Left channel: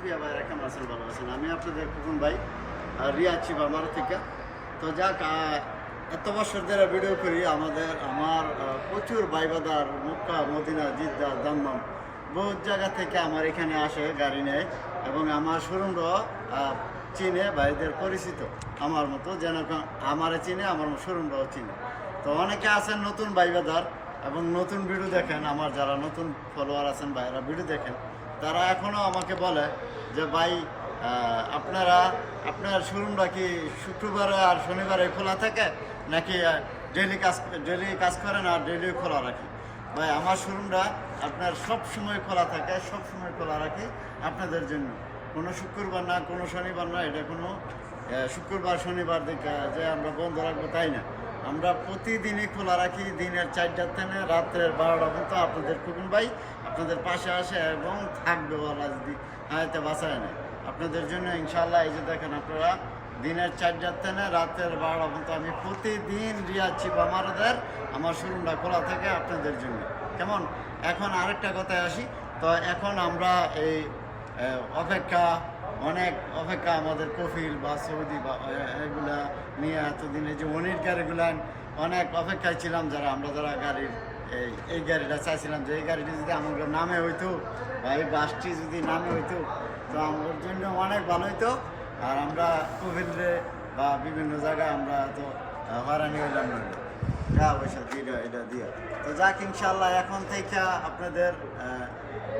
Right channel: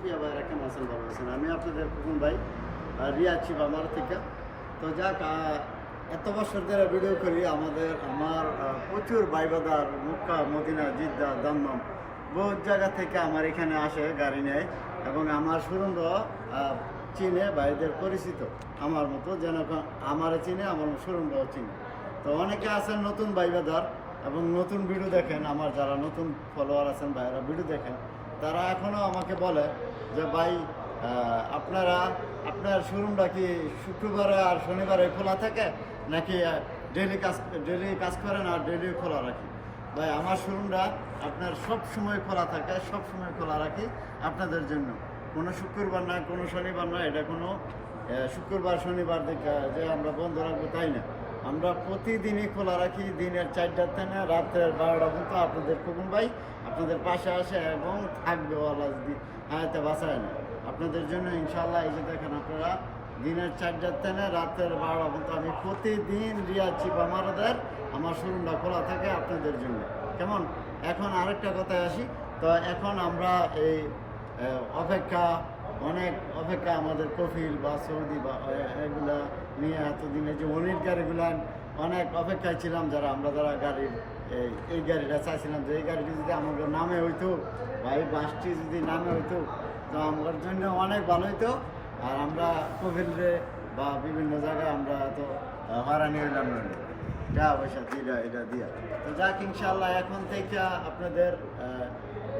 প্রিয়া ভাইরা কেমন আছেন? ভালো আছেন? আমি আপনাদের খোকন ভাই, রিয়াদ শিব আমার থেকে। তো যাক, এত বছর ধরে ভিডিও করি। আমার প্রচুর ভাইবাদার মক্কা, মদিনা, জিদ্দা, দমদম বহুত জায়গা থেকে আমার এখানে আসে গাড়ি নেয়, এবং আমার শোরুমটাও চিনে, ভাইদের পরিচিত আমার মতো, যেন আমারে চিনে, আমার শোরুমটাও চিনে। তো অনেকে আছেন নতুন ভাইবাদার এবং নতুন ভিডিও দেখেন। আমার যারা নতুন ফলোয়ার আছেন, ভাইরা ভিডিও দেখেন, তারা এখনও আমাকে বলে যে ভাই, আপনার শোরুমটা কি শুক্রবারে আর শনিবারে খোলা থাকে, নাকি ডেলি কাজ করেন আর ডেলি খোলা রাখি? ভাই, আমার শোরুমটা আপনার সব সময় খোলা থাকে, সব সময় খোলা রাখি আপনাদের জন্য। কোনো শুক্রবার না, কোনো শনিবার না, এটা কোনো শুক্রবার শনিবার দেখে যে আমরা বন্ধ রাখবো তাই না। আমরা প্রতিদিনই খোলা রাখি, দিনের 4টার থেকে রাতের 12টা পর্যন্ত। আপনাদের খোকন ভাই আপনাদের পাশে আসে এবং থাকবে, আল্লাহ যদি হায়াতে বাঁচায় না আপনাদের জন্য ইনশাআল্লাহ। এই যে দেখেন, আপনারা দিনের 4টার থেকে রাতের 12টা পর্যন্ত আমি প্রতিদিন রিয়াদ শিব আমার শোরুমটা খোলা থাকে আপনাদের জন্য। কেমন? এখন আরেকটা কথায় আসি। তো এখন আমরা এই অনেক অপেক্ষা আমাদের কফিল বা সৌদি বা এগুলা নিয়ে এতদিনে যে অনির গাড়িগুলা অনেক অপেক্ষায় ছিলাম, যারা গাড়ির এই গাড়িটা চাইছিলাম যে এই গাড়িটি যদি আমাদের নামে হইতো বা এই বাসটি যদি নামে হইতো, তো আমার জন্য অনেক ভালো হইতো। আর আমরা কফিলরে বা বিভিন্ন জায়গায় আমরা তো হয়রানি হইলাম না, যা পয়সা এটা দিয়া। তো যাক, ইনশাল্লাহ এখন থেকে আপনাদের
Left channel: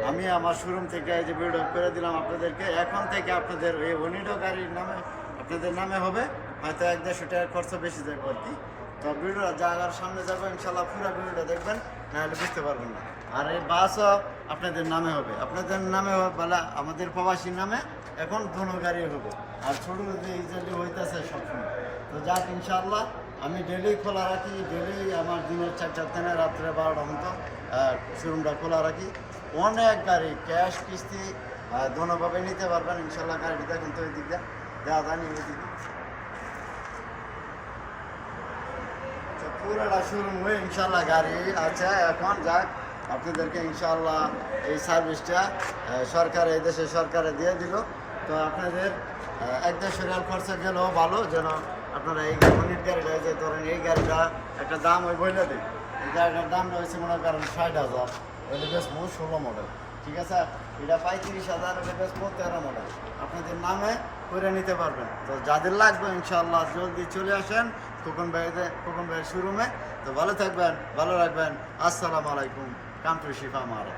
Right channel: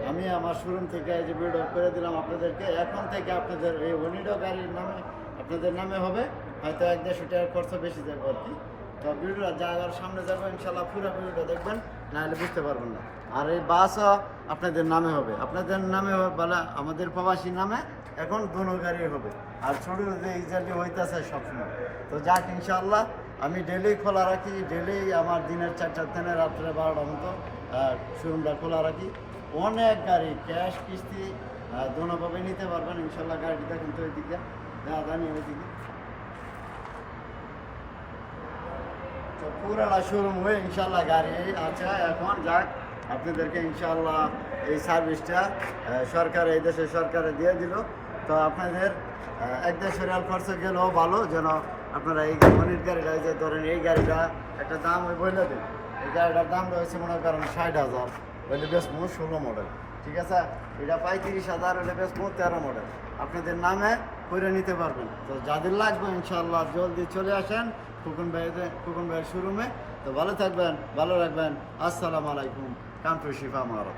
আমি আমার শোরুম থেকে এই যে ভিডিও করে দিলাম আপনাদেরকে, এখন থেকে আপনাদের এই অনিডো গাড়ির নামে আপনাদের নামে হবে। হয়তো 1-1.5 টাকার খরচ বেশি যাবে আর কি। তো ভিডিও জায়গার সামনে যাবো ইনশাল্লাহ, পুরো ভিডিওটা দেখবেন, নাহলে বুঝতে পারবেন না। আর এই বাসও আপনাদের নামে হবে, আপনাদের নামে হবে, বলে আমাদের প্রবাসীর নামে এখন দোনো গাড়ি হবে। আর ছোটো যে ইজালি হইতেছে সবসময়। তো যাক, ইনশাল্লাহ আমি ডেলি খোলা রাখি, ডেলি আমার দিনের 4টার থেকে রাত্রে 12টা মতো শোরুমটা খোলা রাখি। অনেক গাড়ি ক্যাশ কিস্তি দোনোভাবে নিতে পারবেন ইনশাল্লাহ। গাড়িটি দেখেন তো ওইদিকে, যা জানি ওইদিকে পুরোটা শোরুম হয়ে ইনশাল্লাহ গাড়ি আছে এখন। যাক, আপনাদেরকে ইনশাল্লাহ এই সার্ভিসটা সরকার, এই দেশের সরকারে দিয়ে দিল। তো আপনাদের 1-1.5 টাকার খরচা গেলেও ভালো, যেন আপনারা এই অনির গাড়িটা, যে ধরেন এই গাড়িটা একটা দাম ওই বলে দিন। এই গাড়িটার দামটা হয়েছে মনে করেন 60,000, ওইটা বেশ 16 মডেল, ঠিক আছে। এটা 35,000, ওইটা বেশ 13 মডেল। আপনাদের নামে করে নিতে পারবেন। তো যাদের লাগবে ইনশাআল্লাহ জলদি চলে আসেন খোকন ভাইয়ের শোরুমে। তো ভালো থাকবেন, ভালো রাখবেন। আসসালামু আলাইকুম। কাম টু শিফা মারো।